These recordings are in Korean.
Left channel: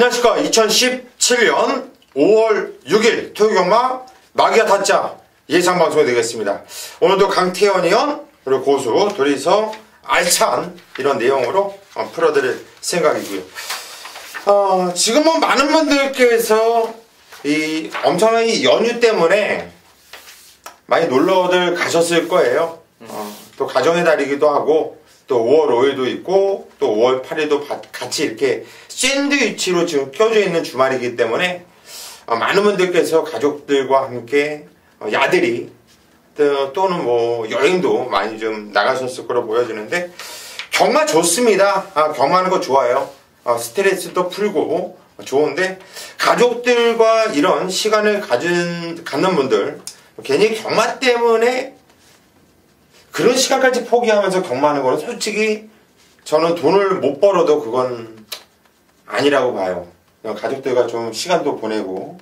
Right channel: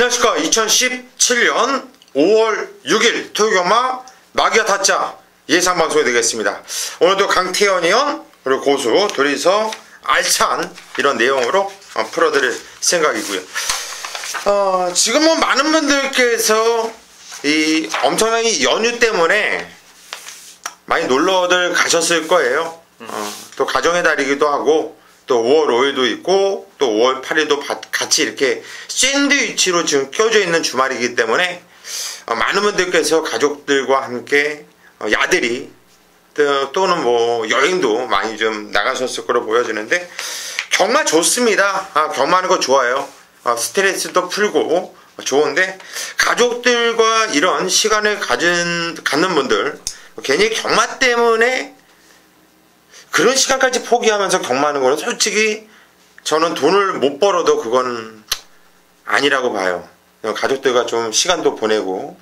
안녕하십니까. 2017년 5월 6일 토요경마 마기와 타짜 예상방송이 되겠습니다. 오늘도 강태현 의원 그리고 고수 둘이서 알찬 이런 내용으로 풀어드릴 생각이고요. 지금은 많은 분들께서 이 엄청난 이 연휴 때문에 많이 놀러들 가셨을 거예요. 또 가정의 달이기도 하고 또 5월 5일도 있고 또 5월 8일도 같이 이렇게 샌드위치로 지금 껴져 있는 주말이기 때문에 많은 분들께서 가족들과 함께 야들이 또는 뭐 여행도 많이 좀 나가셨을 거로 보여지는데 경마 좋습니다. 경마하는 거 좋아요. 스트레스도 풀고 좋은데 가족들과 이런 시간을 갖는 분들 괜히 경마 때문에 그런 시간까지 포기하면서 경마하는 거는 솔직히 저는 돈을 못 벌어도 그건 아니라고 봐요. 가족들과 좀 시간도 보내고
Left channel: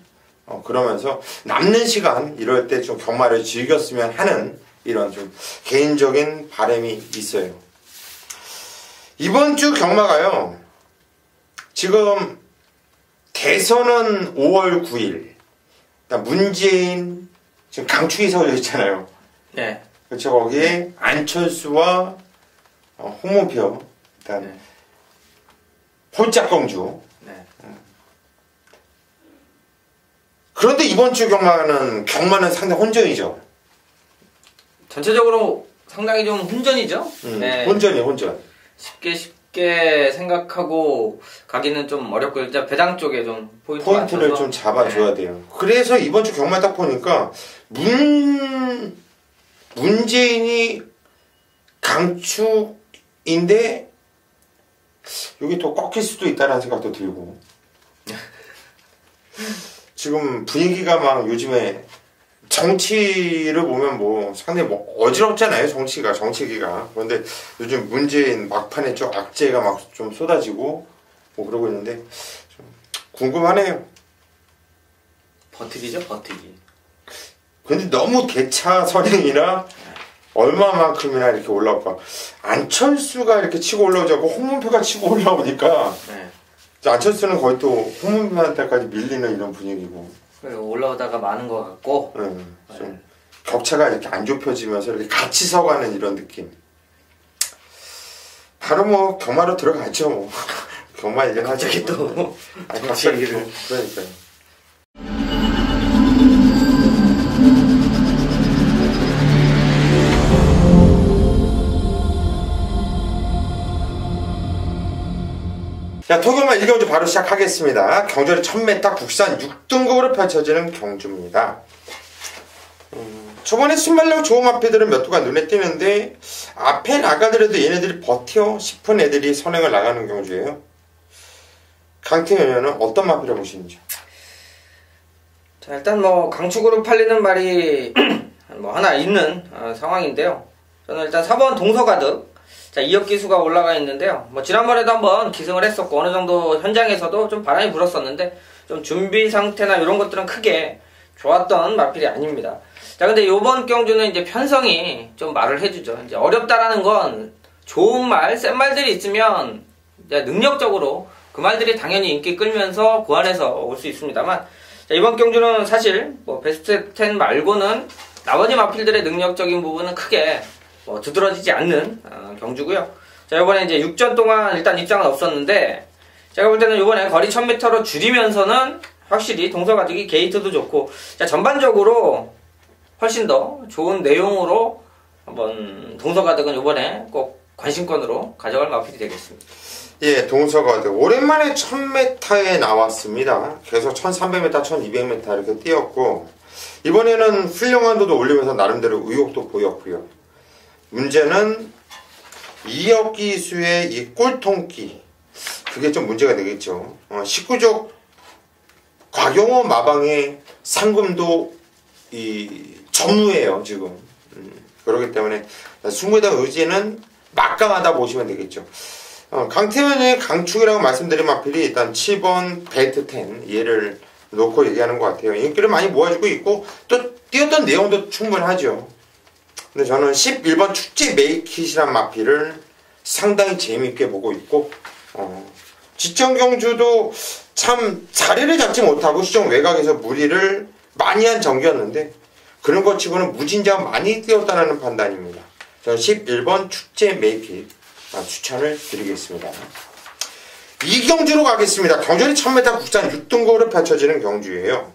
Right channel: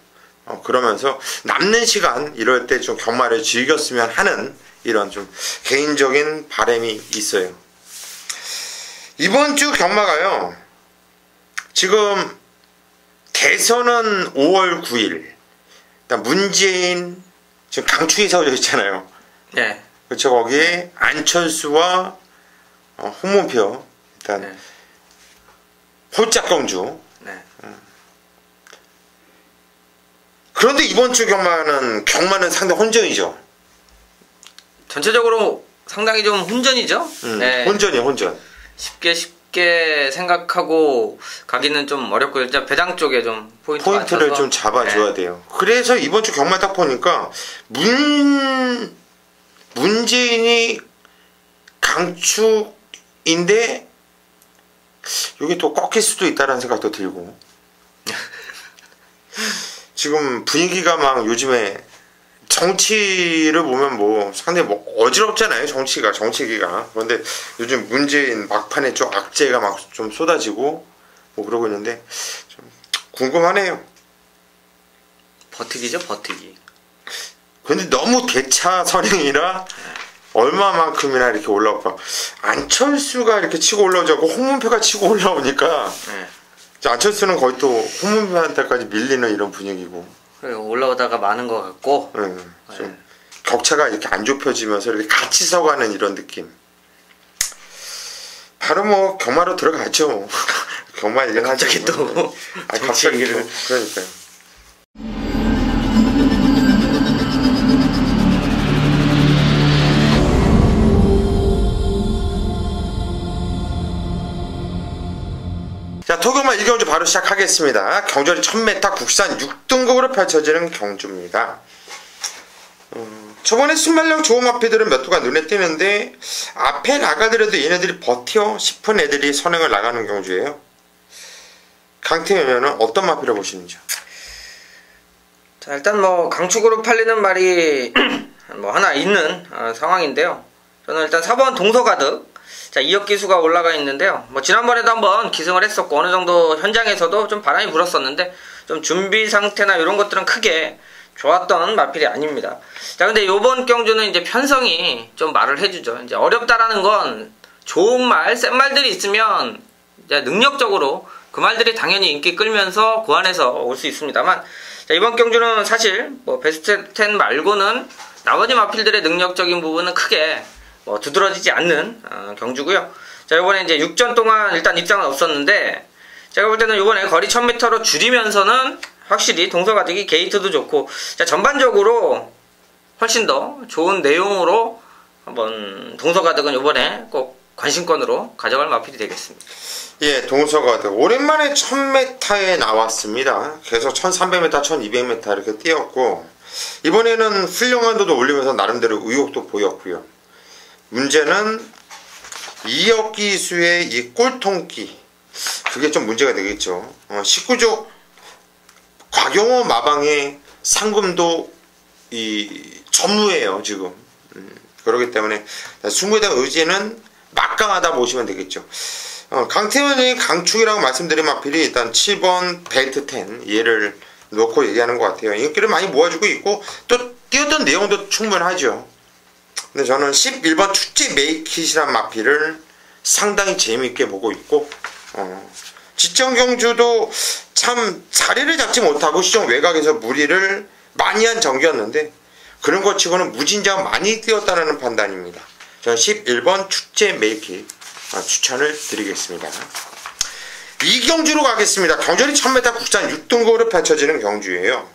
그러면서 남는 시간 이럴 때 좀 경마를 즐겼으면 하는 이런 좀 개인적인 바람이 있어요. 이번 주 경마가요. 지금 대선은 5월 9일 문재인 지금 강추위 서울에 있잖아요. 네. 그렇죠. 거기에 안철수와 홍문표 일단 네. 홀짝 경주. 네. 그런데 이번 주 경마는 상당히 혼전이죠. 전체적으로 상당히 좀 혼전이죠. 네. 혼전이에요, 혼전. 쉽게 생각하고 가기는 좀 어렵고 일단 배당 쪽에 좀 포인트를 좀 잡아줘야 네. 돼요. 그래서 이번 주 경마 딱 보니까 문재인이 강축인데 이게 또 꺾일 수도 있다는 생각도 들고 지금 분위기가 막 요즘에 정치를 보면 뭐 상당히 뭐 어지럽잖아요. 정치기가. 그런데 요즘 문재인 막판에 좀 악재가 막 좀 쏟아지고 뭐 그러고 있는데 좀 궁금하네요. 버티기죠, 버티기. 근데 너무 대차 선행이라 얼마만큼이나 이렇게 올라올까. 안철수가 이렇게 치고 올라오지 않고 홍문표가 치고 올라오니까 네. 안철수는 거의 또 홍문표한테까지 밀리는 이런 분위기고. 그리고 올라오다가 많은 것 같고. 좀 격차가 이렇게 안 좁혀지면서 이렇게 같이 서가는 이런 느낌. 바로 뭐 경마로 들어가죠. 경마 얘기를 갑자기 또 갑자기 또 그러니까요. 자, 토경마 1경주 바로 시작하겠습니다. 경절이 1000m 국산 6등급으로 펼쳐지는 경주입니다. 저번에 순발력 좋은 마피들은 몇 두가 눈에 띄는데 앞에 나가더라도 얘네들이 버텨 싶은 애들이 선행을 나가는 경주예요. 강태현은 어떤 마피를 보시는지요? 자, 일단 뭐 강축으로 팔리는 말이 뭐 하나 있는 상황인데요. 저는 일단 4번 동서가득. 자, 2억 기수가 올라가 있는데요. 뭐 지난번에도 한번 기승을 했었고 어느 정도 현장에서도 좀 바람이 불었었는데 좀 준비 상태나 이런 것들은 크게 좋았던 마필이 아닙니다. 자, 근데 요번 경주는 이제 편성이 좀 말을 해주죠. 이제 어렵다라는 건 좋은 말, 센 말들이 있으면 이제 능력적으로 그 말들이 당연히 인기 끌면서 그 안에서 올 수 있습니다만, 자, 이번 경주는 사실 뭐 베스트 10 말고는 나머지 마필들의 능력적인 부분은 크게 뭐 두드러지지 않는 경주고요. 자, 이번에 이제 6전 동안 일단 입장은 없었는데 제가 볼 때는 이번에 거리 1000m로 줄이면서는 확실히 동서가득이 게이트도 좋고, 자, 전반적으로 훨씬 더 좋은 내용으로 한번 동서가득은 이번에 꼭 관심권으로 가져갈 마필이 되겠습니다. 예, 동서가득 오랜만에 1000m에 나왔습니다. 계속 1300m, 1200m 이렇게 뛰었고 이번에는 훌륭한도도 올리면서 나름대로 의욕도 보였고요. 문제는 2억 기수의 이 꼴통기, 그게 좀 문제가 되겠죠. 19족 곽용호 마방의 상금도 이 전무예요 지금. 그렇기 때문에 승부에 대한 의지는 막강하다 보시면 되겠죠. 강태현이 강축이라고 말씀드린 마필이 일단 7번 벨트 10 얘를 놓고 얘기하는 것 같아요. 인기를 많이 모아주고 있고 또 뛰었던 내용도 충분하죠. 근데 저는 11번 축제 메이킷이란 마필을 상당히 재미있게 보고 있고 지정 경주도 참 자리를 잡지 못하고 시종 외곽에서 무리를 많이 한 경기였는데 그런 것 치고는 무진장 많이 뛰었다는 판단입니다. 저는 11번 축제 메이키 추천을 드리겠습니다. 이 경주로 가겠습니다. 경전이 1000m 국산 6등급으로 펼쳐지는 경주예요.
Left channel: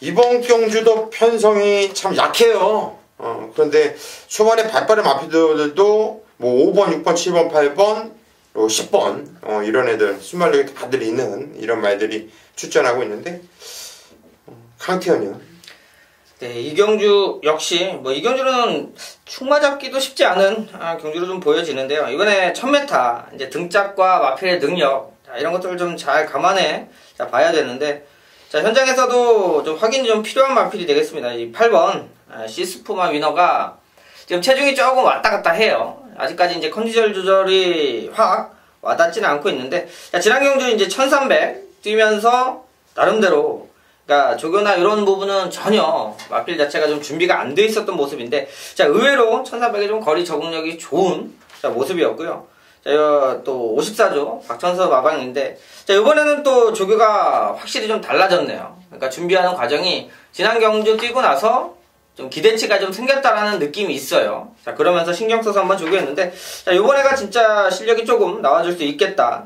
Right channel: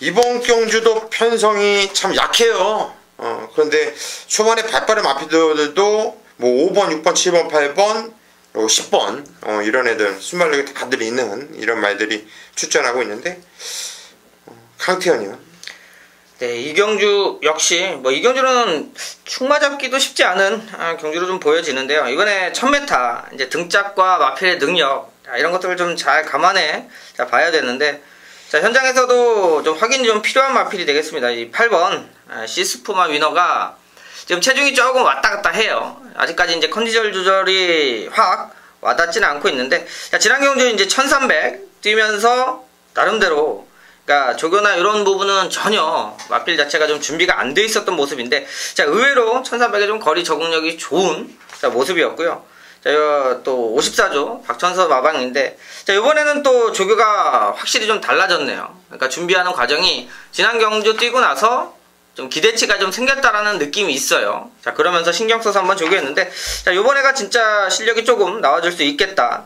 이번 경주도 편성이 참 약해요. 그런데 초반에 발빠른 마피들도 뭐 5번, 6번, 7번, 8번, 10번 이런 애들 순발력이 다들 있는 이런 말들이 출전하고 있는데 강태현이요. 네, 이 경주 역시 뭐 이 경주는 축마 잡기도 쉽지 않은 경주로 좀 보여지는데요. 이번에 1000m 이제 등짝과 마필의 능력 이런 것들을 좀 잘 감안해 봐야 되는데 자, 현장에서도 좀 확인이 좀 필요한 마필이 되겠습니다. 이 8번 시스푸마 위너가 지금 체중이 조금 왔다 갔다 해요. 아직까지 이제 컨디션 조절이 확 와닿지는 않고 있는데 자, 지난 경주 이제 1300 뛰면서 나름대로 그러니까 조교나 이런 부분은 전혀 마필 자체가 좀 준비가 안 돼 있었던 모습인데 자, 의외로 1300에 좀 거리 적응력이 좋은 모습이었고요. 자, 또 54조 박천서 마방인데 자, 이번에는 또 조교가 확실히 좀 달라졌네요. 그러니까 준비하는 과정이 지난 경주 뛰고 나서 좀 기대치가 좀 생겼다라는 느낌이 있어요. 자, 그러면서 신경 써서 한번 조교했는데 자, 이번에가 진짜 실력이 조금 나와줄 수 있겠다.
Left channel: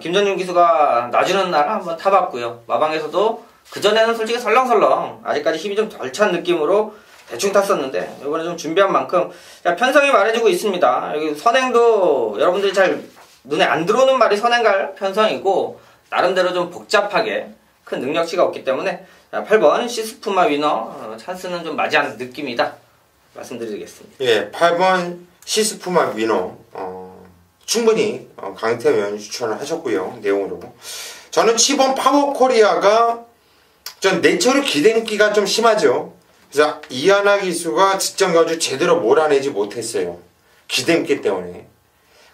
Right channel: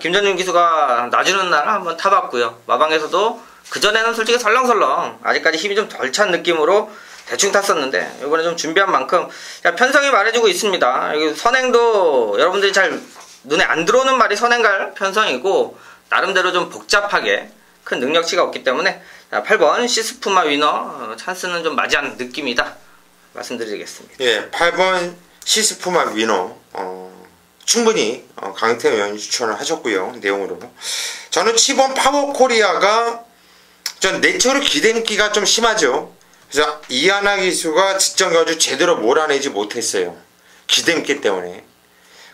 김전준 기수가 놔주는 날 한번 타봤고요. 마방에서도 그전에는 솔직히 설렁설렁 아직까지 힘이 좀 덜 찬 느낌으로 대충 탔었는데 이번에 좀 준비한 만큼 편성이 말해주고 있습니다. 여기 선행도 여러분들이 잘 눈에 안 들어오는 말이 선행갈 편성이고 나름대로 좀 복잡하게 큰 능력치가 없기 때문에 8번 시스푸마 위너 찬스는 좀 맞이하는 느낌이다 말씀드리겠습니다. 예, 8번 시스푸마 위너 충분히 강태현 의원이 추천을 하셨고요. 내용으로 저는 7번 파워코리아가 전 내처를 기대기가 좀 심하죠. 그래서 이하나 기수가 지정 경주 제대로 몰아내지 못했어요. 기대기 때문에.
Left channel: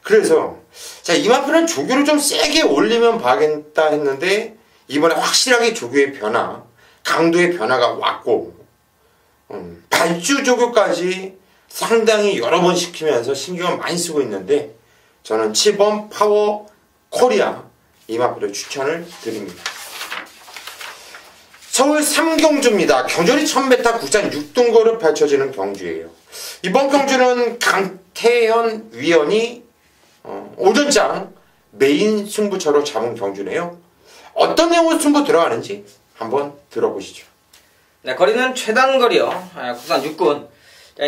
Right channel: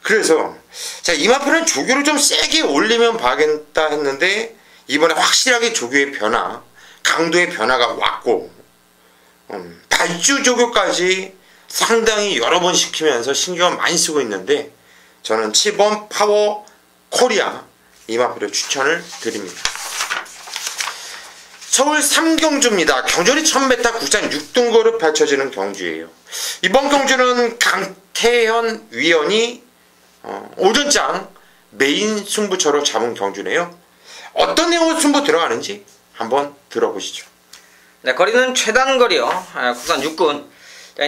그래서 자, 이 마표는 조교를 좀 세게 올리면 봐야겠다 했는데 이번에 확실하게 조교의 변화, 강도의 변화가 왔고 발주 조교까지 상당히 여러 번 시키면서 신경을 많이 쓰고 있는데 저는 7번 파워 코리아 이 마표를 추천을 드립니다. 서울 3경주입니다. 경전이 1000m 국산 6등급으로 펼쳐지는 경주예요. 이번 경주는 강태현 위원이 오전장 메인 승부처로 잡은 경주네요. 어떤 내용으로 승부 들어가는지 한번 들어보시죠. 네, 거리는 최단 거리요. 국산 6군.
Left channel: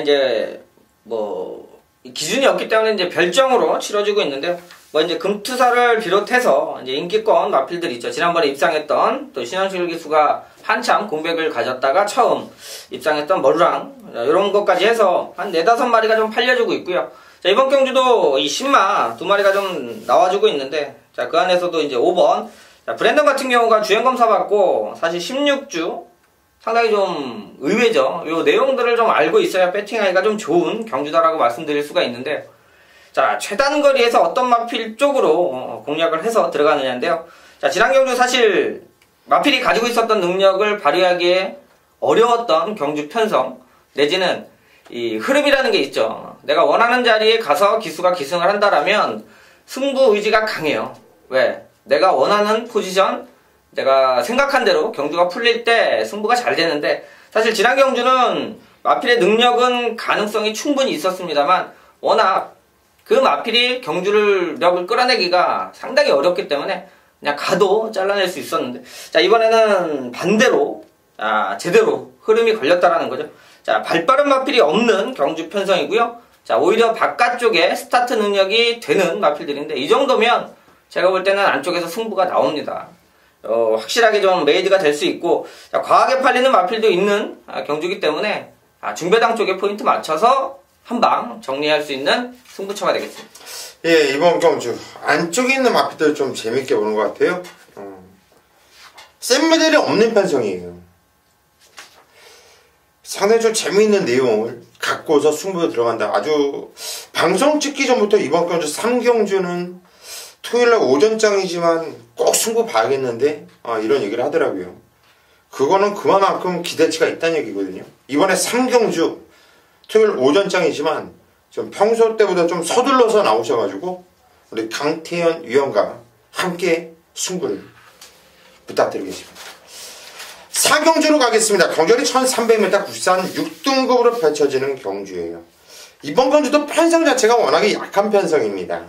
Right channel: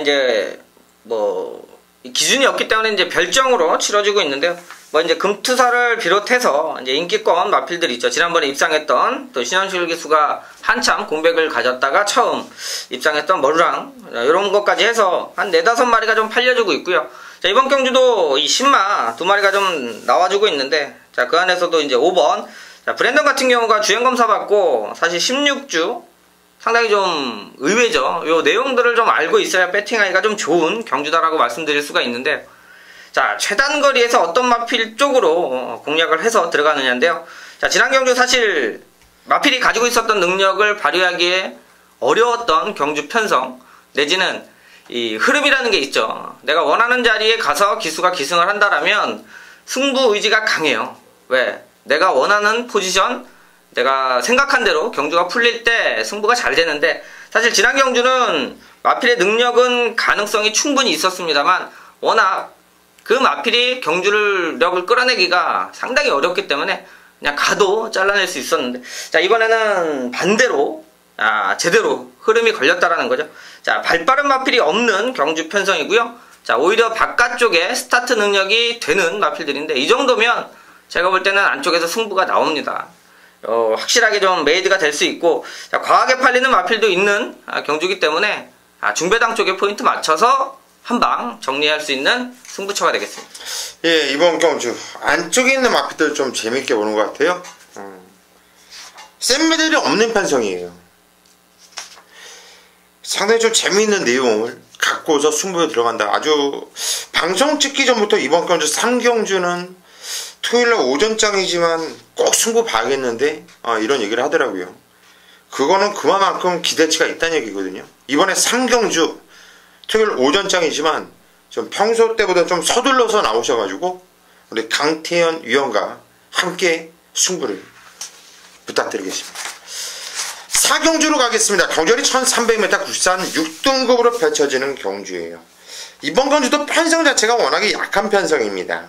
이제 뭐 기준이 없기 때문에 이제 별정으로 치러지고 있는데요. 뭐 이제 금투사를 비롯해서 이제 인기권 마필들이 있죠. 지난번에 입상했던 또 신현실 기수가 한참 공백을 가졌다가 처음 입상했던 머루랑 이런 것까지 해서 한 4-5마리가 좀 팔려주고 있고요. 자, 이번 경주도 이 신마 2마리가 좀 나와주고 있는데 자, 그 안에서도 이제 5번 자, 브랜든 같은 경우가 주행 검사 받고 사실 16주 상당히 좀 의외죠. 요 내용들을 좀 알고 있어야 배팅하기가 좀 좋은 경주다라고 말씀드릴 수가 있는데 자, 최단 거리에서 어떤 마필 쪽으로 공략을 해서 들어가느냐인데요. 자, 지난 경주 사실 마필이 가지고 있었던 능력을 발휘하기에 어려웠던 경주 편성 내지는 이 흐름이라는 게 있죠. 내가 원하는 자리에 가서 기수가 기승을 한다라면 승부 의지가 강해요. 왜? 내가 원하는 포지션, 내가 생각한 대로 경주가 풀릴 때 승부가 잘 되는데 사실 지난 경주는 마필의 능력은 가능성이 충분히 있었습니다만 워낙 그 마필이 경주력을 끌어내기가 상당히 어렵기 때문에 그냥 가도 잘라낼 수 있었는데 자, 이번에는 반대로 제대로 흐름이 걸렸다라는 거죠. 자, 발빠른 마필이 없는 경주 편성이고요. 자, 오히려 바깥쪽에 스타트 능력이 되는 마필들인데 이 정도면 제가 볼 때는 안쪽에서 승부가 나옵니다. 확실하게 좀 메이드가 될 수 있고 자, 과하게 팔리는 마필도 있는 경주기 때문에 중배당 쪽에 포인트 맞춰서 한방 정리할 수 있는 승부처가 되겠습니다. 예, 이번 경주 안쪽에 있는 마필들 좀 재밌게 보는 것 같아요. 센 메달이 없는 편성이에요. 상당히 좀 재미있는 내용을 갖고서 승부에 들어간다. 아주 방송 찍기 전부터 이번 경주 3경주는 토요일날 오전장이지만 꼭 승부 봐야겠는데 이런 얘기를 하더라고요. 그거는 그만큼 기대치가 있다는 얘기거든요. 이번에 3경주 토요일 오전장이지만 좀 평소 때보다 좀 서둘러서 나오셔가지고 우리 강태현 위원과 함께 승부를 부탁드리겠습니다. 4경주로 가겠습니다. 경주는 1300m 국산 6등급으로 펼쳐지는 경주예요. 이번 경주도 편성 자체가 워낙에 약한 편성입니다.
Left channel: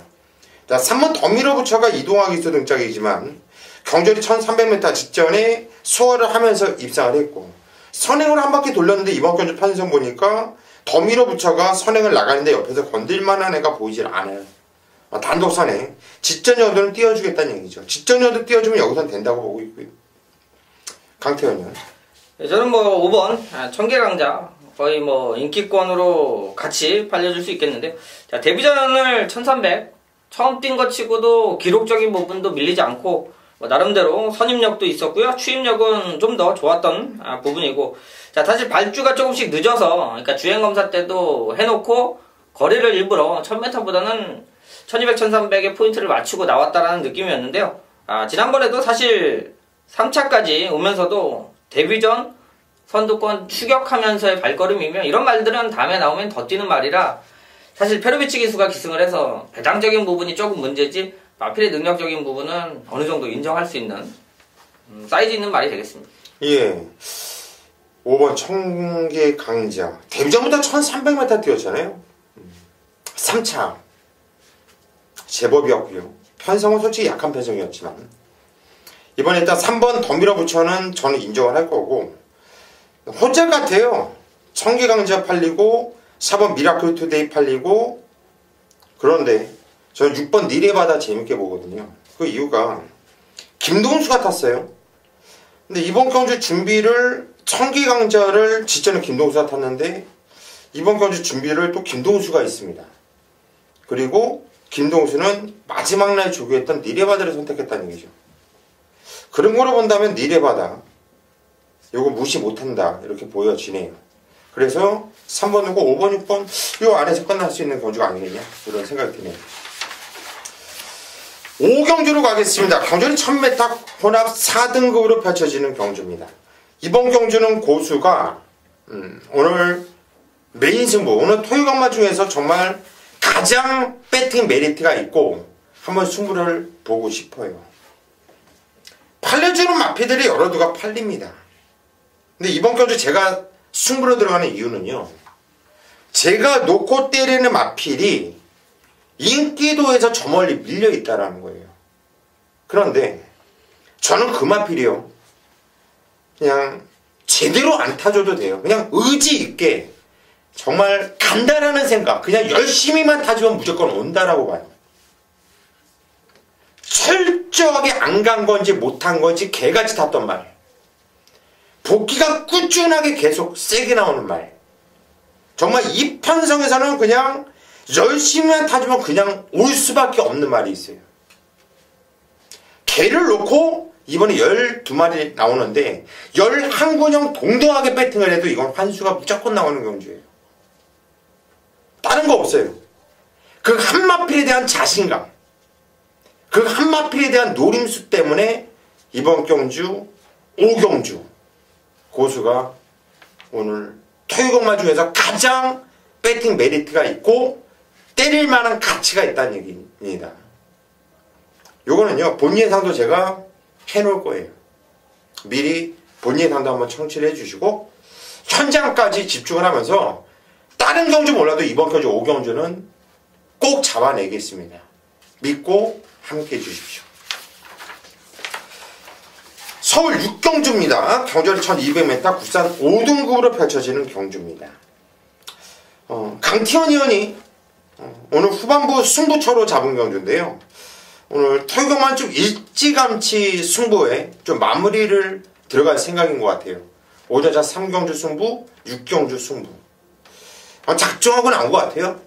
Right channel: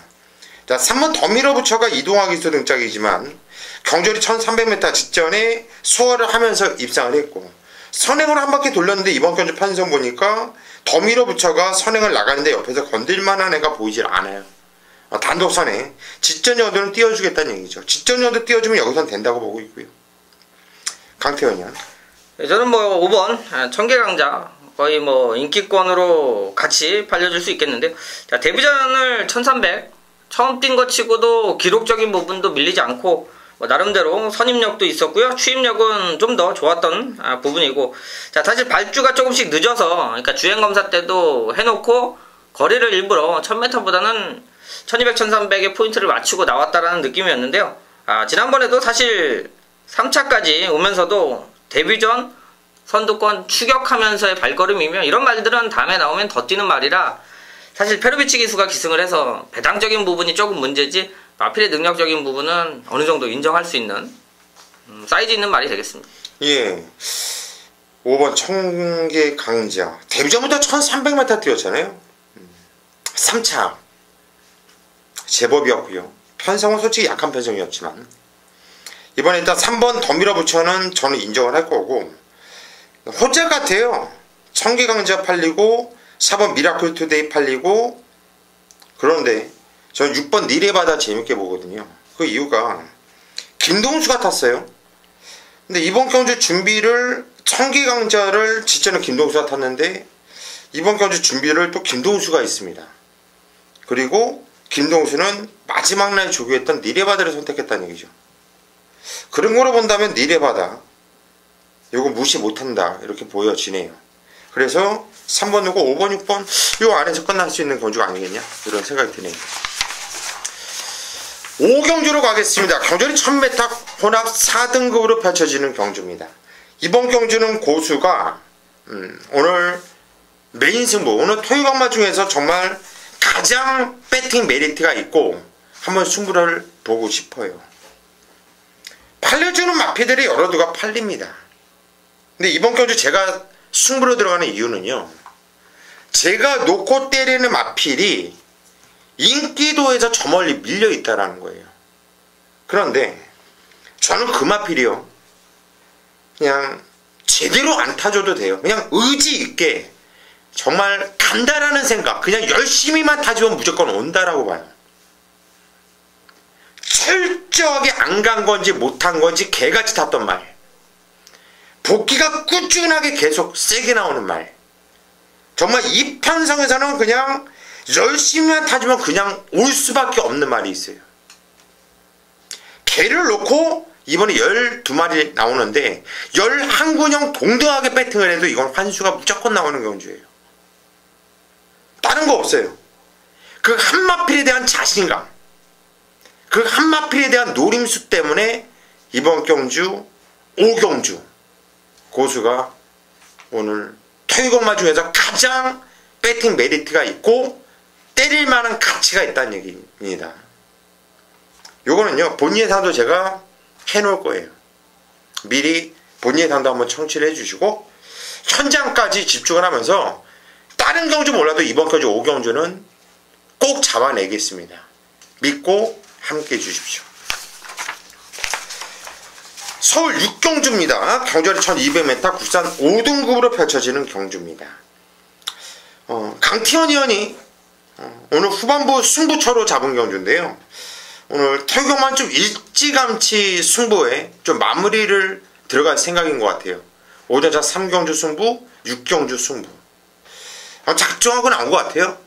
자, 3번 더 밀어붙여가 이동화 기수 등짝이지만 경주리 1300m 직전에 수월을 하면서 입상을 했고 선행으로 한 바퀴 돌렸는데 이번 경주 편성 보니까 더 밀어붙여가 선행을 나가는데 옆에서 건들만한 애가 보이질 않아요. 단독 선행 직전 정도는 띄워주겠다는 얘기죠. 직전 정도 띄워주면 여기선 된다고 보고 있고요. 강태현이요. 저는 뭐 5번 청계강자 거의 뭐 인기권으로 같이 팔려줄 수 있겠는데, 자, 데뷔전을 1300 처음 뛴 것 치고도 기록적인 부분도 밀리지 않고 뭐 나름대로 선임력도 있었고요. 추임력은 좀 더 좋았던 부분이고, 자, 사실 발주가 조금씩 늦어서, 그러니까 주행검사 때도 해놓고 거리를 일부러 1000m보다는 1200, 1300에 포인트를 맞추고 나왔다라는 느낌이었는데요. 지난번에도 사실 3차까지 오면서도 데뷔전 선두권 추격하면서의 발걸음이며 이런 말들은 다음에 나오면 더 뛰는 말이라 사실 페로비치 기수가 기승을 해서 배당적인 부분이 조금 문제지 마필의 능력적인 부분은 어느 정도 인정할 수 있는 사이즈 있는 말이 되겠습니다. 예. 5번 청계강자 데뷔전부터 1300m 뛰었잖아요. 3차 제법이었고요. 편성은 솔직히 약한 편성이었지만 이번에 일단 3번 더 밀어붙여는 저는 인정을 할 거고, 호재 같아요. 청계강자 팔리고 4번 미라클 투데이 팔리고, 그런데 저는 6번 니레바다 재밌게 보거든요. 그 이유가 김동수가 탔어요. 근데 이번 경주 준비를 청계강자를 직전에 김동수가 탔는데 이번 경주 준비를 또 김동수가 있습니다. 그리고 김동수는 마지막 날 조교했던 니레바다를 선택했다는 얘기죠. 그런 거로 본다면 니레바다 요거 무시 못한다 이렇게 보여지네요. 그래서 3번 누고 5번 6번 요 안에서 끝날 수 있는 경주가 아니겠냐 이런 생각이 드네요. 5경주로 가겠습니다. 경주는 1000m 혼합 4등급으로 펼쳐지는 경주입니다. 이번 경주는 고수가 오늘 메인 승부, 오늘 토요강마 중에서 정말 가장 배팅 메리트가 있고 한번 승부를 보고 싶어요. 팔려주는 마피들이 여러 두가 팔립니다. 근데 이번 경주 제가 승부로 들어가는 이유는요, 제가 놓고 때리는 마필이 인기도에서 저 멀리 밀려 있다라는 거예요. 그런데 저는 그 마필이요, 그냥 제대로 안 타줘도 돼요. 그냥 의지 있게 정말 간다라는 생각, 그냥 열심히만 타주면 무조건 온다라고 봐요. 철저하게 안 간 건지 못한 건지 개같이 탔던 말, 복귀가 꾸준하게 계속 세게 나오는 말, 정말 이 편성에서는 그냥 열심히만 타주면 그냥 올 수밖에 없는 말이 있어요. 개를 놓고 이번에 12마리 나오는데 11군형 동등하게 배팅을 해도 이건 환수가 무조건 나오는 경주예요. 다른 거 없어요. 그 한 마필에 대한 자신감, 그 한 마필에 대한 노림수 때문에 이번 경주 5경주 고수가 오늘 토요강마 중에서 가장 배팅 메리트가 있고 때릴 만한 가치가 있다는 얘기입니다. 요거는요, 본인 예상도 제가 해놓을 거예요. 미리 본인 예상도 한번 청취를 해주시고 현장까지 집중을 하면서 다른 경주 몰라도 이번 경주 5경주는 꼭 잡아내겠습니다. 믿고 함께 해주십시오. 서울 6경주입니다. 경주는 1200m 국산 5등급으로 펼쳐지는 경주입니다. 강티원 의원이 오늘 후반부 승부처로 잡은 경주인데요. 오늘 토요강만 좀 일찌감치 승부에 좀 마무리를 들어갈 생각인 것 같아요. 오전차 3경주 승부, 6경주 승부. 작정하고 나온 것 같아요.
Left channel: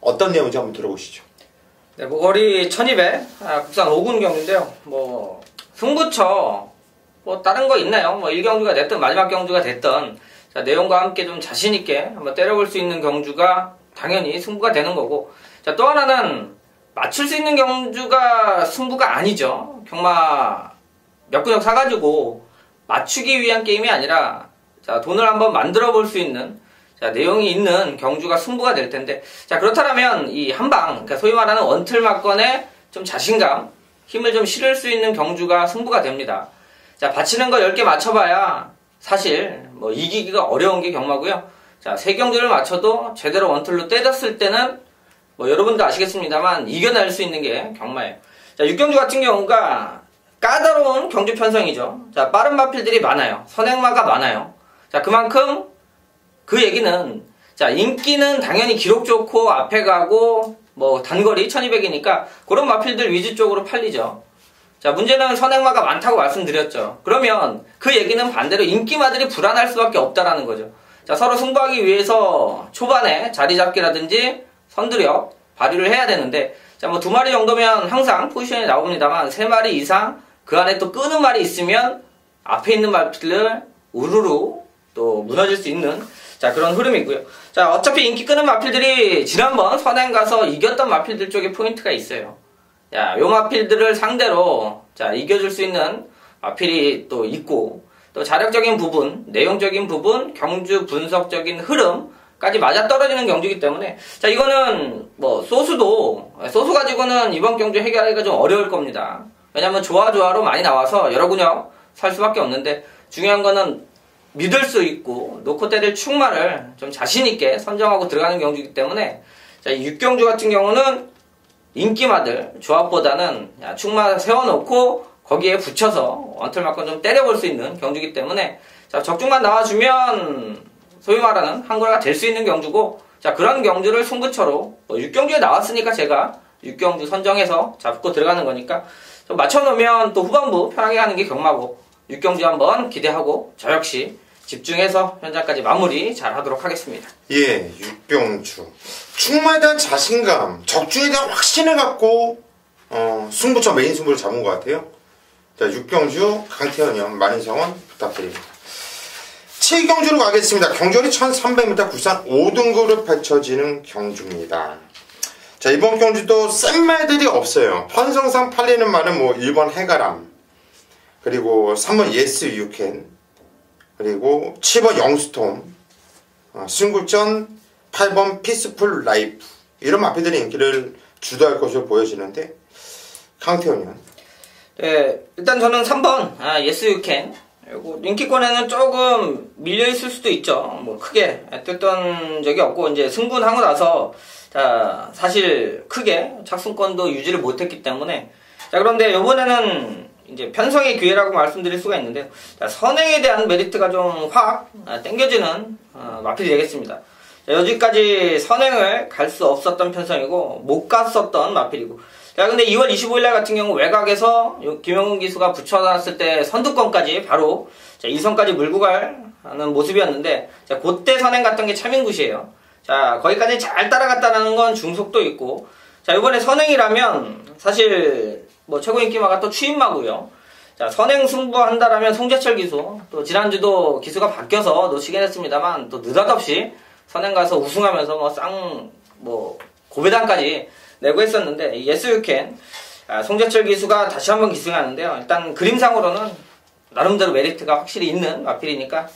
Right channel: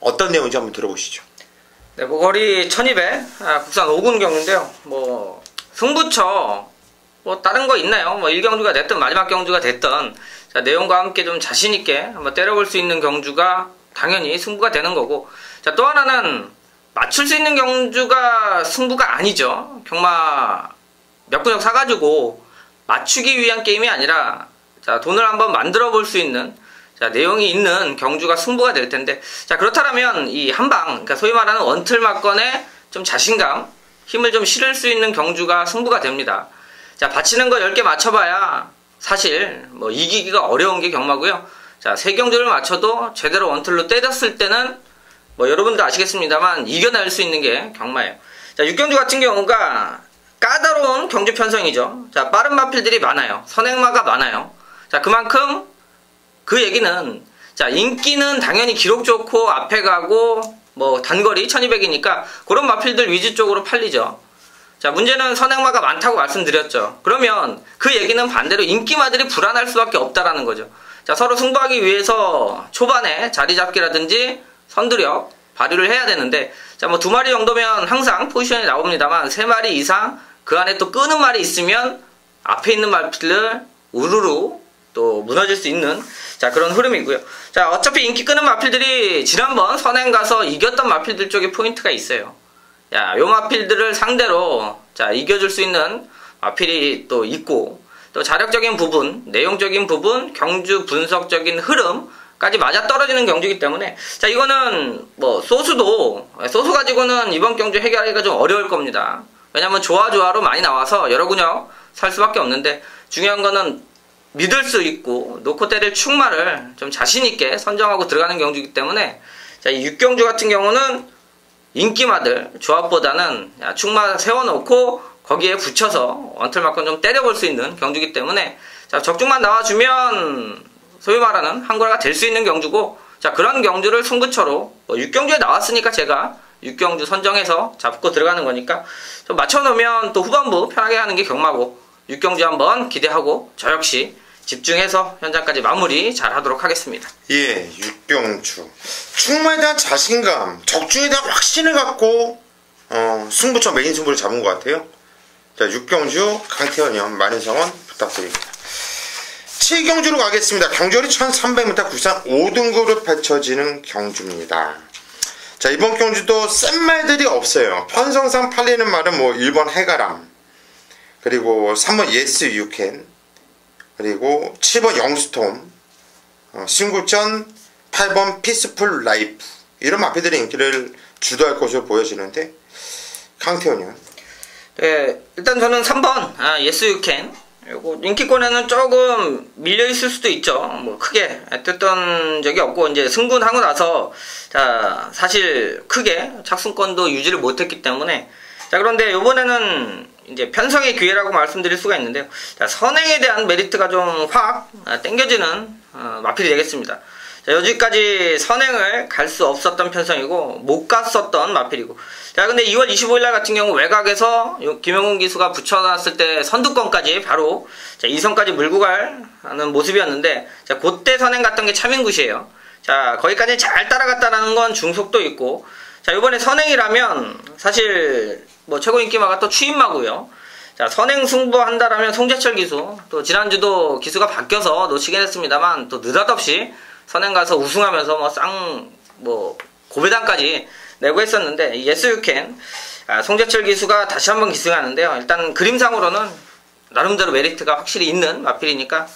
어떤 내용인지 한번 들어보시죠. 네, 뭐 거리 1200 국산 5군 경주인데요. 뭐 승부처 뭐 다른 거 있나요? 뭐 1경주가 됐든 마지막 경주가 됐든, 자, 내용과 함께 좀 자신 있게 한번 때려볼 수 있는 경주가 당연히 승부가 되는 거고, 자, 또 하나는 맞출 수 있는 경주가 승부가 아니죠. 경마 몇 근육 사가지고 맞추기 위한 게임이 아니라, 자, 돈을 한번 만들어 볼 수 있는, 자, 내용이 있는 경주가 승부가 될 텐데, 자, 그렇다면 이 한방, 그러니까 소위 말하는 원틀 막건에 좀 자신감, 힘을 좀 실을 수 있는 경주가 승부가 됩니다. 자, 받치는 거 10개 맞춰봐야 사실 뭐 이기기가 어려운 게 경마고요. 자, 3경주를 맞춰도 제대로 원툴로 때렸을 때는 뭐 여러분도 아시겠습니다만 이겨낼 수 있는 게 경마예요. 자, 6경주 같은 경우가 까다로운 경주 편성이죠. 자, 빠른 마필들이 많아요. 선행마가 많아요. 자, 그만큼 그 얘기는 자, 인기는 당연히 기록 좋고 앞에 가고 뭐 단거리 1200이니까 그런 마필들 위주 쪽으로 팔리죠. 자, 문제는 선행마가 많다고 말씀드렸죠. 그러면 그 얘기는 반대로 인기마들이 불안할 수밖에 없다라는 거죠. 자, 서로 승부하기 위해서 초반에 자리 잡기라든지 선두력 발휘를 해야 되는데, 자, 뭐 2마리 정도면 항상 포지션이 나옵니다만 3마리 이상 그 안에 또 끄는 말이 있으면 앞에 있는 마필을 우르르 또 무너질 수 있는 자, 그런 흐름이고요. 자, 어차피 인기 끄는 마필들이 지난번 선행 가서 이겼던 마필들 쪽에 포인트가 있어요. 자, 요 마필들을 상대로 자, 이겨줄 수 있는 마필이 또 있고, 또 자력적인 부분, 내용적인 부분, 경주 분석적인 흐름까지 맞아떨어지는 경주이기 때문에 자, 이거는 뭐 소수 가지고는 이번 경주 해결하기가 좀 어려울 겁니다. 왜냐면 조화로 많이 나와서 여러 근역 살 수밖에 없는데, 중요한 거는 믿을 수 있고 놓고 때릴 축마를 좀 자신있게 선정하고 들어가는 경주이기 때문에 자, 이 6경주 같은 경우는 인기마들 조합보다는 축마 세워놓고 거기에 붙여서 원틀만큼 좀 때려볼 수 있는 경주이기 때문에 자, 적중만 나와주면 소위 말하는 한골가 될 수 있는 경주고, 자, 그런 경주를 승부처로 6경주에 나왔으니까 제가 6경주 선정해서 잡고 들어가는 거니까 좀 맞춰놓으면 또 후반부 편하게 하는 게 경마고, 6경주 한번 기대하고 저 역시 집중해서 현장까지 마무리 잘 하도록 하겠습니다. 예, 6경주. 축마에 대한 자신감, 적중에 대한 확신을 갖고 승부처 메인 승부를 잡은 것 같아요. 자, 6경주 강태현이형 많은 성원 부탁드립니다. 7경주로 가겠습니다. 경주리 1300m 국산 5등급으로 펼쳐지는 경주입니다. 자, 이번 경주도 센 말들이 없어요. 편성상 팔리는 말은 뭐 1번 해가람, 그리고 3번 예스 유캔, 그리고 7번 영스톰, 신구전 8번 피스풀 라이프, 이런 마필들의 인기를 주도할 것으로 보여지는데, 강태현이요? 네, 일단 저는 3번 예스 유캔, 그리고 인기권에는 조금 밀려있을 수도 있죠. 뭐 크게 뜯던 적이 없고 이제 승군하고 나서 자, 사실 크게 착승권도 유지를 못했기 때문에 자, 그런데 이번에는 이제 편성의 기회라고 말씀드릴 수가 있는데요. 자, 선행에 대한 메리트가 좀 확 땡겨지는 마필이 되겠습니다. 자, 여기까지 선행을 갈 수 없었던 편성이고 못 갔었던 마필이고, 자, 근데 2월 25일날 같은 경우 외곽에서 김영훈 기수가 붙여놨을 때 선두권까지 바로 자, 2선까지 물고 가는 모습이었는데, 자, 그때 선행 갔던 게 차민굿이에요. 자, 거기까지 잘 따라갔다라는 건 중속도 있고, 자, 이번에 선행이라면 사실 뭐 최고 인기마가 또 추인마고요. 자, 선행 승부한다라면 송재철 기수, 또 지난주도 기수가 바뀌어서 놓치긴 했습니다만 또 느닷없이 선행 가서 우승하면서 뭐 고배당까지 내고 했었는데, 예스 유캔 송재철 기수가 다시 한번 기승하는데요. 일단 그림상으로는 나름대로 메리트가 확실히 있는 마필이니까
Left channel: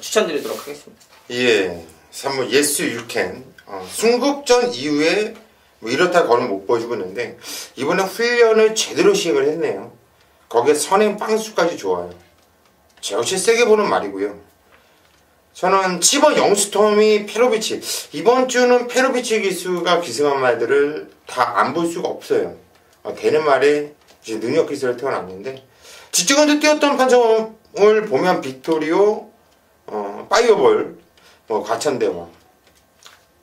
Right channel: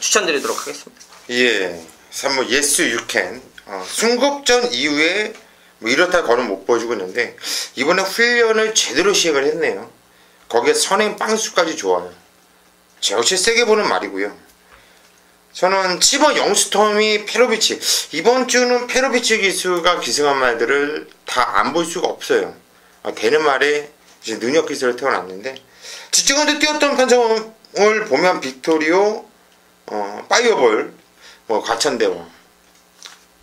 추천드리도록 하겠습니다. 예, 3번 예스 유캔. 순국전 이후에 뭐 이렇다 거는 못 보여주고 있는데 이번에 훈련을 제대로 시행을 했네요. 거기에 선행 빵수까지 좋아요. 제어치 세게 보는 말이고요. 저는 7번 영스톰이 페로비치, 이번 주는 페로비치 기수가 기승한 말들을 다 안 볼 수가 없어요. 되는 말에 이제 능력 기수를 태어났는데, 직전에 뛰었던 판정을 보면 빅토리오, 파이어볼, 뭐 과천대왕,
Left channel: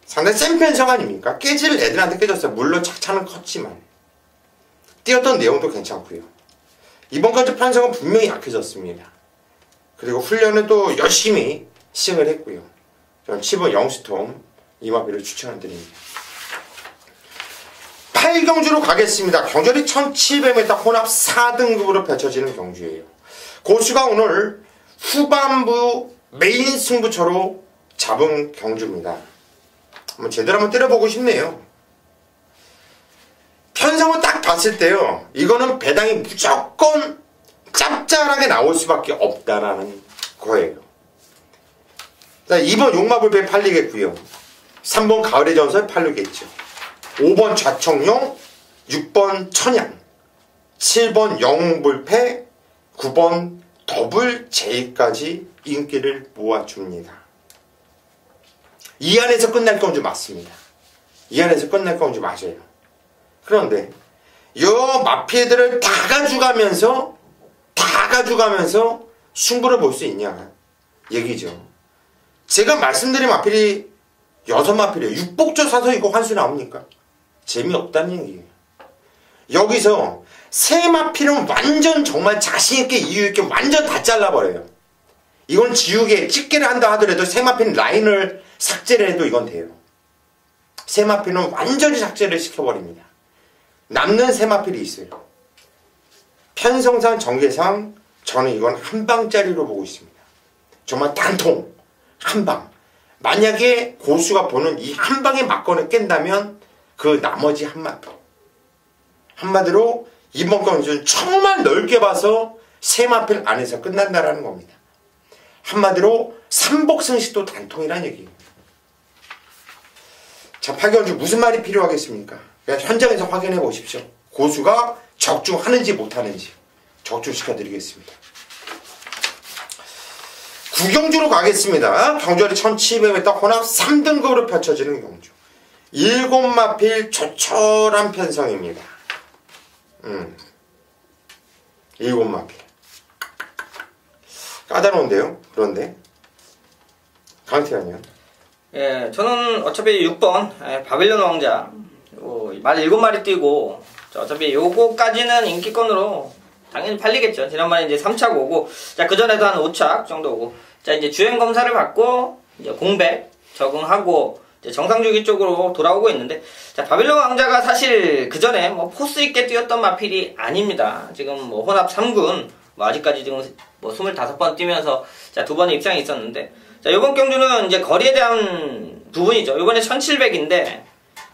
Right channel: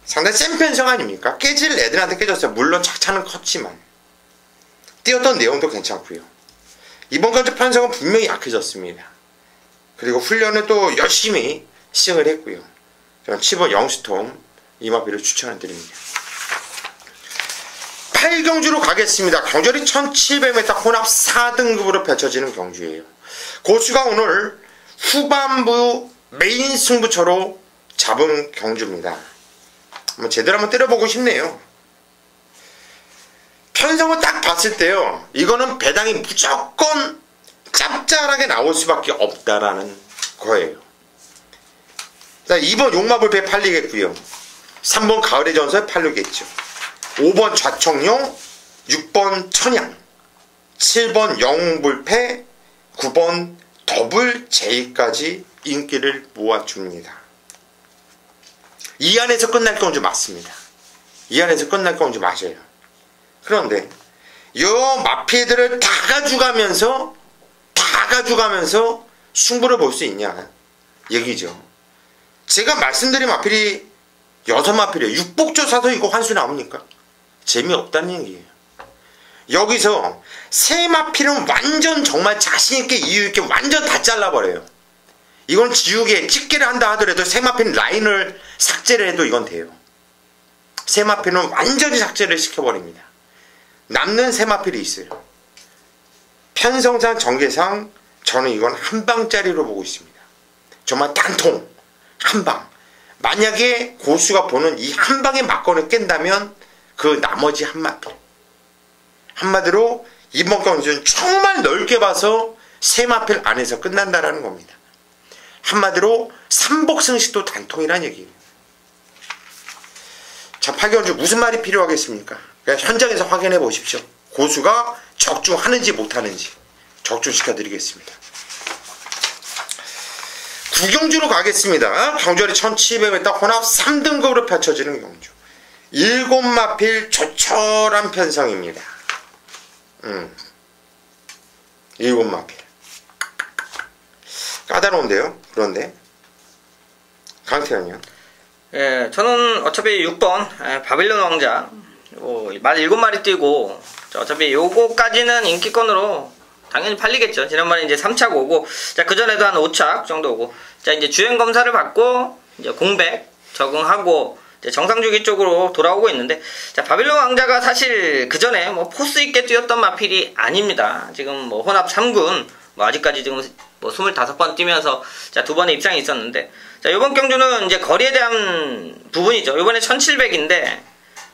상당히 센 편성 아닙니까? 깨질 애들한테 깨졌어요. 물론 착차는 컸지만 뛰었던 내용도 괜찮고요. 이번 경주 편성은 분명히 약해졌습니다. 그리고 훈련은 또 열심히 시행을 했고요. 저는 7번 영스톰 이마비를 추천드립니다. 8경주로 가겠습니다. 경주리 1700m 혼합 4등급으로 펼쳐지는 경주예요. 고수가 오늘 후반부 메인 승부처로 잡은 경주입니다. 제대로 한번 때려보고 싶네요. 편성을 딱 봤을 때요, 이거는 배당이 무조건 짭짤하게 나올 수밖에 없다라는 거예요. 자, 2번 용마불패 팔리겠고요. 3번 가을의 전설 팔리겠죠. 5번 좌청룡, 6번 천양, 7번 영웅불패, 9번 더블 J까지 인기를 모아줍니다. 이 안에서 끝날 경주 맞습니다. 이 안에서 끝날 경주 맞아요. 그런데 요 마피들을 다 가져가면서 승부를 볼 수 있냐 얘기죠. 제가 말씀드린 마필이 6마필이에요. 육복조 사서 이거 환수 나옵니까? 재미없다는 얘기예요. 여기서 세 마필은 완전 정말 자신있게 이유있게 완전 다 잘라버려요. 이건 지우개 집게를 한다 하더라도 세 마필은 라인을 삭제를 해도 이건 돼요. 세 마필은 완전히 삭제를 시켜버립니다. 남는 세 마필이 있어요. 편성상 전개상 저는 이건 한 방짜리로 보고 있습니다. 정말 단통 한 방. 만약에 고수가 보는 이 한 방의 막건을 깬다면 그 나머지 한 마필. 한마디로 이번 경주는 정말 넓게 봐서 세 마필 안에서 끝난다라는 겁니다. 한마디로 삼복승식도 단통이란 얘기예요. 자, 8경주 무슨 말이 필요하겠습니까? 그냥 현장에서 확인해 보십시오. 고수가 적중하는지 못하는지 적중시켜 드리겠습니다. 9경주로 가겠습니다. 경주아리 1700m 혼합 3등급으로 펼쳐지는 경주. 7마필 조촐한 편성입니다. 7마필. 까다로운데요. 그런데 강태현이요. 예, 저는 어차피 6번 바빌론 왕자 말 7마리 뛰고 어차피 요거까지는 인기권으로 당연히 팔리겠죠. 지난번에 이제 3착 오고, 자, 그전에도 한 5착 정도 오고, 자, 이제 주행 검사를 받고, 이제 공백 적응하고, 이제 정상주기 쪽으로 돌아오고 있는데, 자, 바빌론 왕자가 사실 그전에 뭐 포스 있게 뛰었던 마필이 아닙니다. 지금 뭐 혼합 3군, 뭐 아직까지 지금 뭐 25번 뛰면서, 자, 2번의 입상이 있었는데, 자, 이번 경주는 이제 거리에 대한 부분이죠. 이번에 1700인데,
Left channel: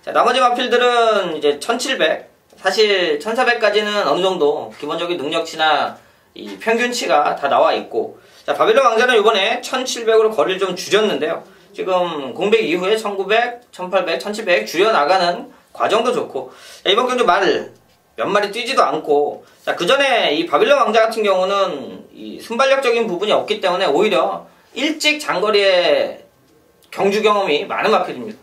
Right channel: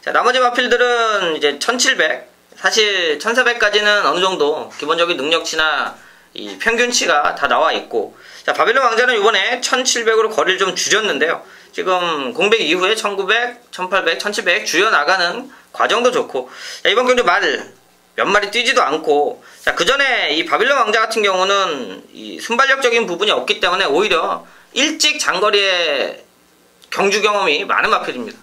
자, 나머지 마필들은 이제 1700, 사실 1400까지는 어느 정도 기본적인 능력치나 이 평균치가 다 나와 있고, 자, 바빌론 왕자는 이번에 1700으로 거리를 좀 줄였는데요. 지금 공백 이후에 1900, 1800, 1700 줄여나가는 과정도 좋고, 자, 이번 경주 말 몇 마리 뛰지도 않고, 자, 그 전에 이 바빌론 왕자 같은 경우는 이 순발력적인 부분이 없기 때문에 오히려 일찍 장거리에 경주 경험이 많은 마필입니다.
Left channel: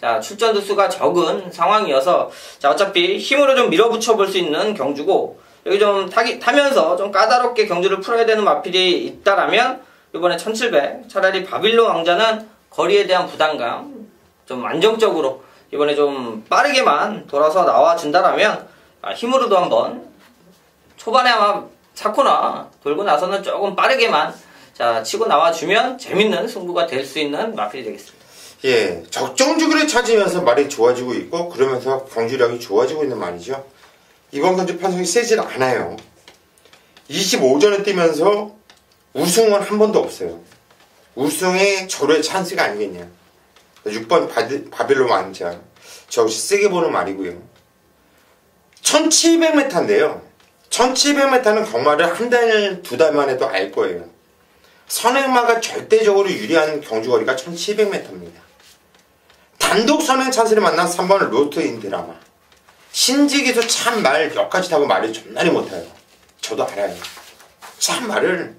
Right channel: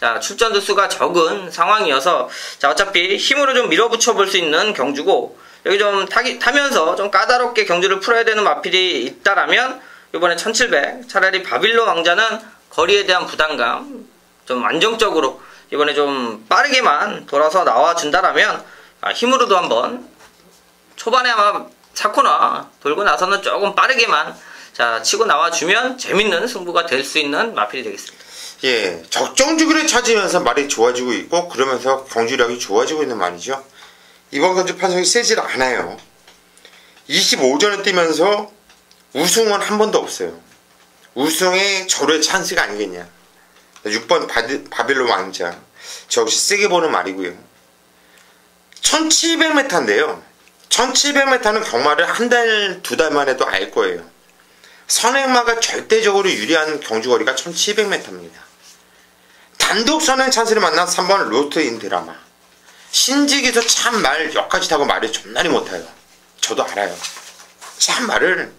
자, 출전 두수가 적은 상황이어서, 자, 어차피 힘으로 좀 밀어붙여 볼 수 있는 경주고, 여기 좀 타면서 좀 까다롭게 경주를 풀어야 되는 마필이 있다라면, 이번에 1700, 차라리 바빌론 왕자는 거리에 대한 부담감, 좀 안정적으로, 이번에 좀 빠르게만 돌아서 나와준다라면, 힘으로도 한번, 초반에 아마 4코너 돌고 나서는 조금 빠르게만, 자, 치고 나와주면 재밌는 승부가 될 수 있는 마필이 되겠습니다. 예, 적정 주기를 찾으면서 말이 좋아지고 있고 그러면서 경주력이 좋아지고 있는 말이죠. 이번 경주 편성이 세질 않아요. 25전을 뛰면서 우승은 한 번도 없어요. 우승의 절호의 찬스가 아니겠냐. 6번 바빌론 왕자. 저 역시 세게 보는 말이고요. 1700m인데요. 1700m는 경마를 한 달, 2달 만에도 알 거예요. 선행마가 절대적으로 유리한 경주거리가 1700m입니다. 단독 선행 찬스를 만난 3번 로트인 드라마. 신직에서 참 말 역까지 타고 말이 존나리 못해요. 저도 알아요. 참 말을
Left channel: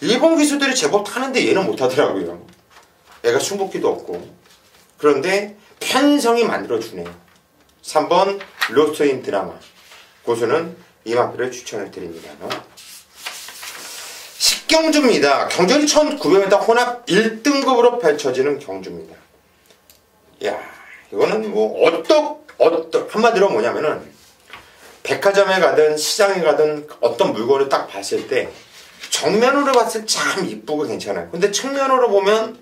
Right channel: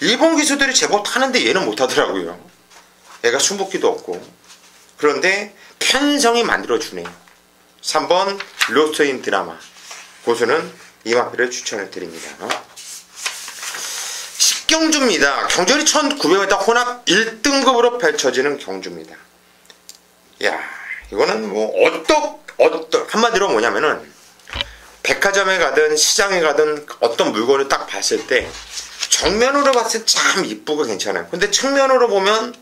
일본 기수들이 제법 타는데 얘는 못하더라고요. 얘가 숨붓기도 없고. 그런데 편성이 만들어주네요. 3번 로트인 드라마. 고수는 이 마필을 추천해 드립니다. 10경주입니다. 경주아리 1900m 혼합 1등급으로 펼쳐지는 경주입니다. 야, 이거는 뭐 한마디로 뭐냐면은 백화점에 가든 시장에 가든 어떤 물건을 딱 봤을 때 정면으로 봤을 때 참 이쁘고 괜찮아요. 근데 측면으로 보면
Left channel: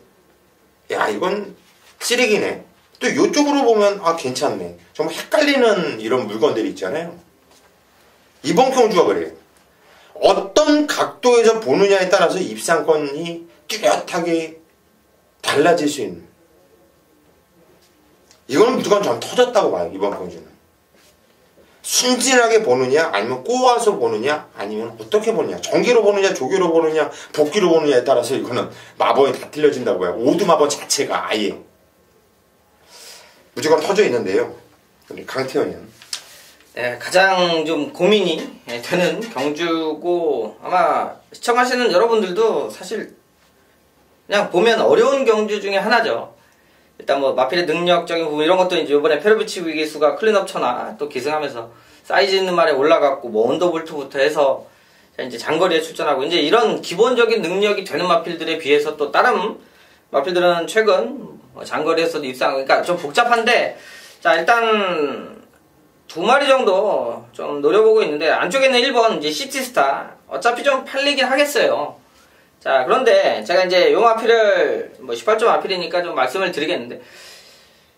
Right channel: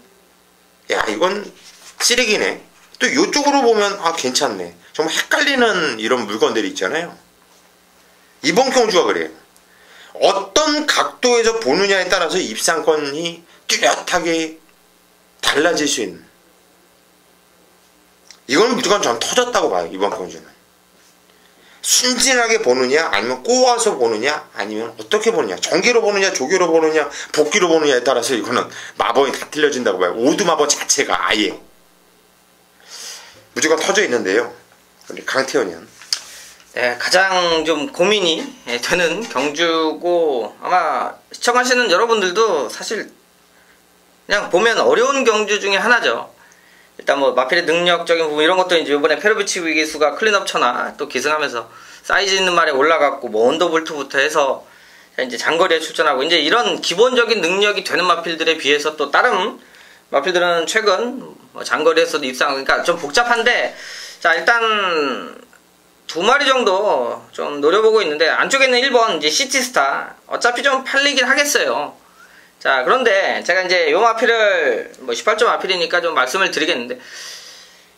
야, 이건 쓰레기네. 또 이쪽으로 보면 아, 괜찮네. 정말 헷갈리는 이런 물건들이 있잖아요. 이번 경주가 그래요. 어떤 각도에서 보느냐에 따라서 입상권이 뚜렷하게 달라질 수 있는. 이건 무조건 전 터졌다고 봐요. 이번 경주는. 순진하게 보느냐 아니면 꼬아서 보느냐 아니면 어떻게 보느냐, 정기로 보느냐 조기로 보느냐 복기로 보느냐에 따라서 이거는 마법이 다 틀려진다고 봐요. 오두 마법 자체가 아예 무조건 터져 있는데요. 근데 강태현은 네, 가장 좀 고민이 되는 경주고 아마 시청하시는 여러분들도 사실 그냥 보면 어려운 경주 중에 하나죠. 일단 뭐 마필의 능력적인 부분 이런 것도 이제 이번에 페로비치 위기수가 클린업 천하 또 기승하면서 사이즈 있는 말에 올라갔고 뭐 언더볼트부터 해서 이제 장거리에 출전하고 이제 이런 기본적인 능력이 되는 마필들에 비해서 또 다른 마필들은 최근 뭐 장거리에서도 입상 그러니까 좀 복잡한데 자 일단 2마리 정도 좀 노려보고 있는데 안쪽에 있는 1번 이제 시티스타 어차피 좀 팔리긴 하겠어요. 자 그런데 제가 이제 요 마필을 뭐 18점 마필이니까 좀 말씀을 드리겠는데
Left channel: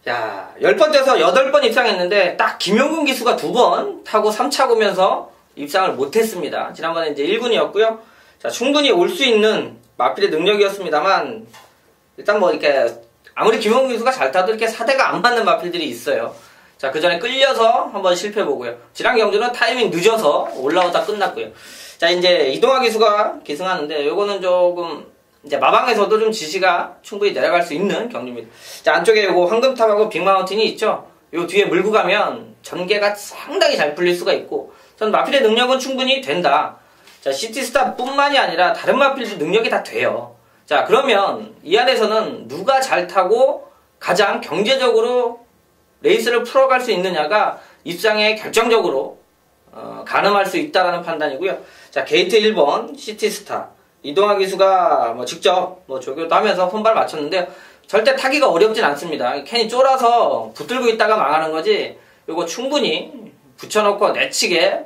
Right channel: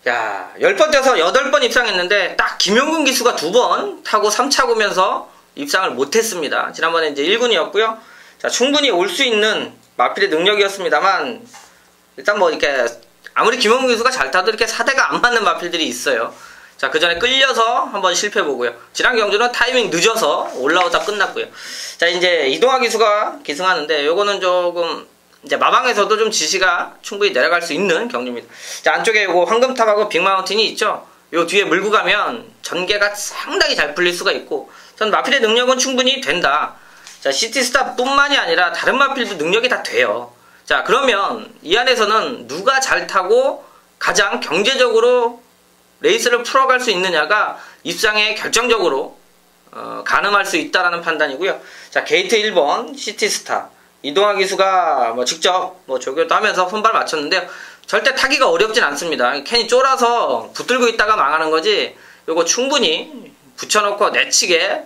야 10번 뛰어서 8번 입상했는데 딱 김용근 기수가 2번 타고 3차 구면서 입상을 못했습니다. 지난번에 이제 1군이었고요. 자 충분히 올 수 있는 마필의 능력이었습니다만 일단 뭐 이렇게 아무리 김용근 기수가 잘 타도 이렇게 사대가 안 맞는 마필들이 있어요. 자, 그 전에 끌려서 한번 실패해보고요. 지난 경주는 타이밍 늦어서 올라오다 끝났고요. 자, 이제 이동화 기수가 기승하는데, 요거는 조금, 이제 마방에서도 좀 지시가 충분히 내려갈 수 있는 경주입니다. 자, 안쪽에 요거 황금탑하고 빅마운틴이 있죠? 요 뒤에 물고 가면 전개가 상당히 잘 풀릴 수가 있고, 전 마필의 능력은 충분히 된다. 자, 시티스타 뿐만이 아니라 다른 마필도 능력이 다 돼요. 자, 그러면 이 안에서는 누가 잘 타고 가장 경제적으로 레이스를 풀어갈 수 있느냐가 입상에 결정적으로 가늠할 수 있다라는 판단이고요. 자 게이트 1번 시티스타 이동화 기수가 뭐 직접 뭐 조교도 하면서 손발 맞췄는데요. 절대 타기가 어렵진 않습니다. 캔이 쫄아서 붙들고 있다가 망하는 거지. 요거 충분히 붙여놓고 내치게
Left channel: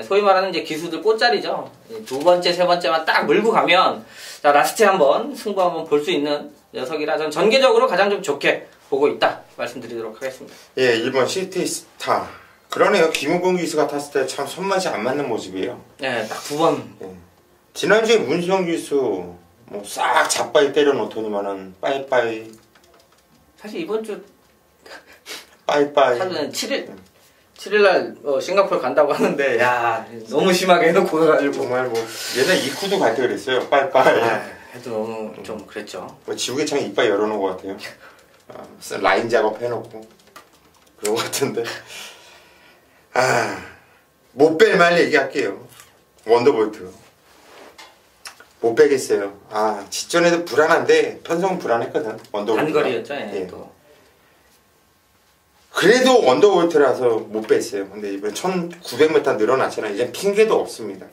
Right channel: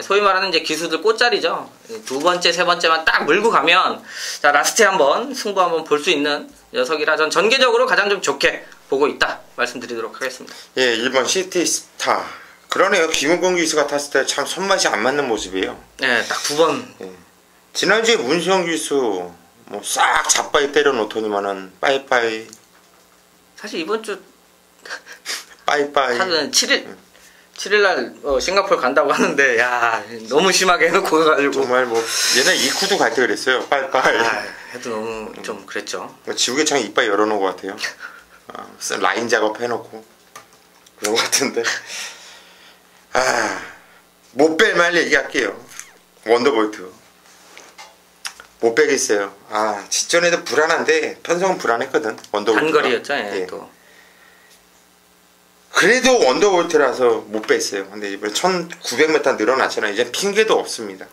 소위 말하는 이제 기수들 꽃자리죠. 2번째, 3번째만 딱 물고 가면 자 라스트에 한번 승부 한번 볼 수 있는 녀석이라 전 전개적으로 가장 좀 좋게 보고 있다 말씀드리도록 하겠습니다. 예, 1번 시티스타 그러네요. 김용근 기수가 탔을 때 참 손맛이 안 맞는 모습이에요. 네, 딱 2번. 예. 지난주에 문수영 기수 뭐 싹 잡바이 때려놓더니만은 빠이빠이. 사실 이번 주 빠이빠이. 사실은 7일날 싱가포르 간다고 하는데 야 너무 심하게 해놓고 가지고 정말 뭐 예전에 이쿠도 갈 때 그랬어요. 빠이빠이. 해도 너무 좀 그랬죠. 뭐 지우개 창 이빨 열어놓은 것 같아요. 라인 작업 해놓고 그런 것 같은데 못 뺄만 얘기할게요. 원더볼트 못 빼겠어요. 직전에도 불안한데 편성은 불안했거든. 원더볼트 단거리였죠. 예. 또. 그래도 원더볼트라서 못 뺐어요. 근데 이번에 1900m 늘어났잖아요. 이제 핑계도 없습니다.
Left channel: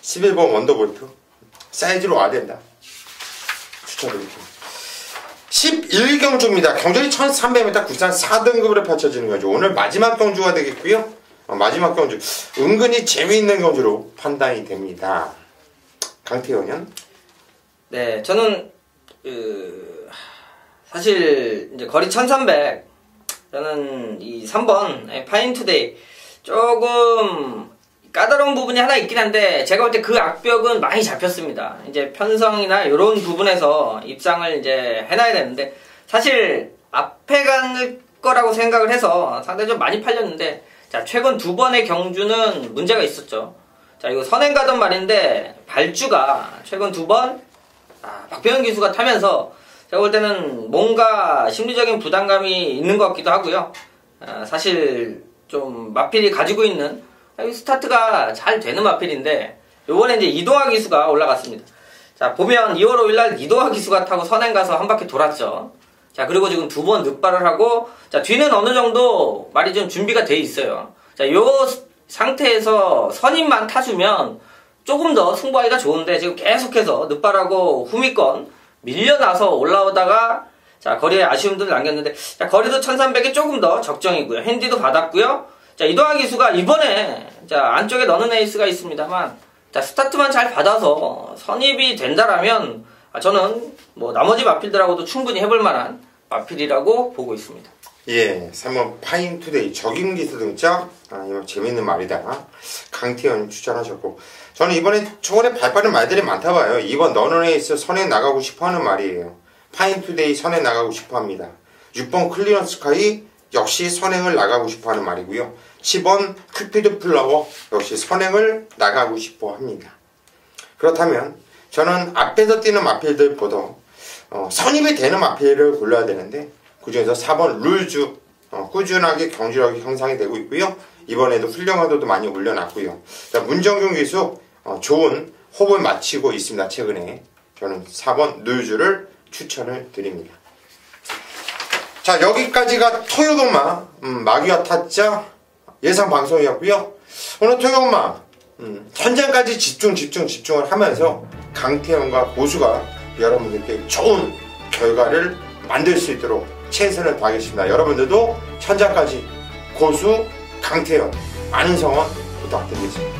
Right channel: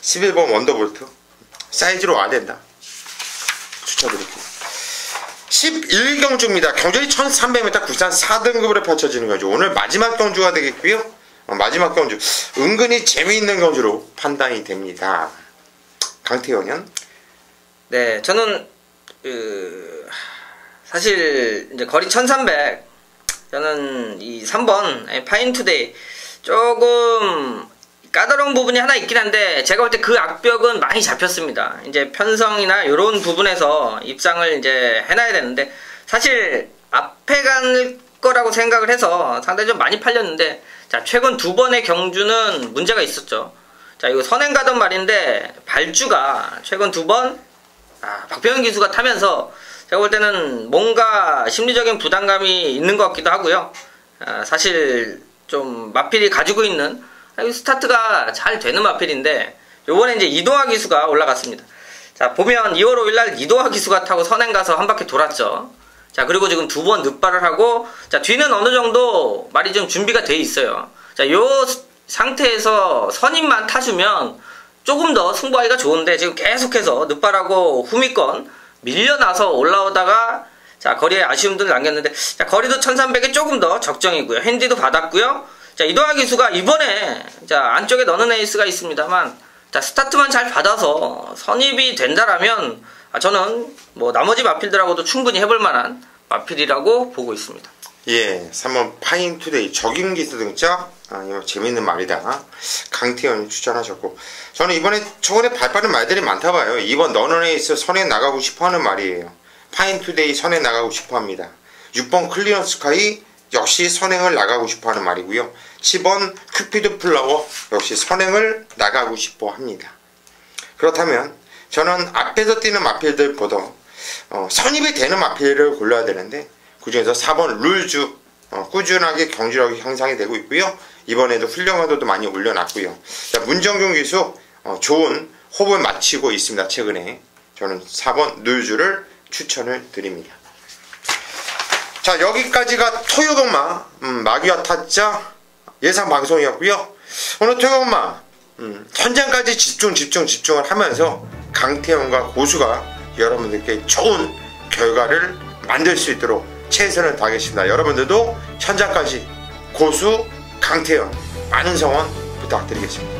11번 원더볼트 사이즈로 와야 된다. 추천드릴게요. 11경주입니다. 경주이 1300m 구산 4등급으로 펼쳐지는 거죠. 오늘 마지막 경주가 되겠고요. 마지막 경주 은근히 재미있는 경주로 판단이 됩니다. 강태현은? 네, 저는 사실 이제 거리 1300 저는 이 3번 파인투데이 조금 까다로운 부분이 하나 있긴 한데 제가 볼 때 그 악벽은 많이 잡혔습니다. 이제 편성이나 이런 부분에서 입상을 이제 해놔야 되는데 사실 앞에 갈 거라고 생각을 해서 상당히 좀 많이 팔렸는데 자 최근 2번의 경주는 문제가 있었죠. 자 이거 선행 가던 말인데 발주가 최근 2번 박병현 기수가 타면서 제가 볼 때는 뭔가 심리적인 부담감이 있는 것 같기도 하고요. 사실 좀 마필이 가지고 있는 스타트가 잘 되는 마필인데 요번에 이제 이동화 기수가 올라갔습니다. 자 보면 2월 5일날 이동화 기수가 타고 선행 가서 한 바퀴 돌았죠. 자 그리고 지금 2번 늑발을 하고 자 뒤는 어느 정도 말이 좀 준비가 돼 있어요. 자 요 상태에서 선임만 타주면 조금 더 승부하기가 좋은데 지금 계속해서 늑발하고 후미권 밀려나서 올라오다가 자 거리에 아쉬움들을 남겼는데 자 거리도 1300이 조금 더 적정이고요. 핸디도 받았고요. 자 이동화 기수가 이번에 자 안쪽에 넣는 에이스가 있습니다만 자 스타트만 잘 받아서 선입이 된다라면 저는 뭐 나머지 마필들하고도 충분히 해볼 만한 마필이라고 보고 있습니다. 예, 3번 파인투데이 적임 기수 등짝 이거 재밌는 말이다. 강태현 추천하셨고 저는 이번에 저번에 발빠른 말들이 많다 봐요. 2번 너는 에이스 선에 나가고 싶어하는 말이에요. 파인투데이 선에 나가고 싶어합니다. 6번 클리너 스카이 역시 선행을 나가고 싶어하는 말이고요. 10번 큐피드 플라워 역시 선행을 나가고 싶어합니다. 그렇다면 저는 앞에서 뛰는 마필들보다 선입이 되는 마필을 골라야 되는데 그 중에서 4번 룰즈 꾸준하게 경주력이 형성이 되고 있고요. 이번에도 훌륭한 호도 많이 올려놨고요. 자, 문정준 기수 좋은 호흡을 마치고 있습니다. 최근에 저는 4번 노유주를 추천을 드립니다. 자, 여기까지가 토요동마 마귀와 타짜 예상 방송이었고요. 오늘 토요동마 현장까지 집중을 하면서 강태현과 고수가 여러분들께 좋은 결과를 만들 수 있도록 최선을 다하겠습니다. 여러분들도 현장까지 고수 강태현 많은 성원 부탁드리겠습니다.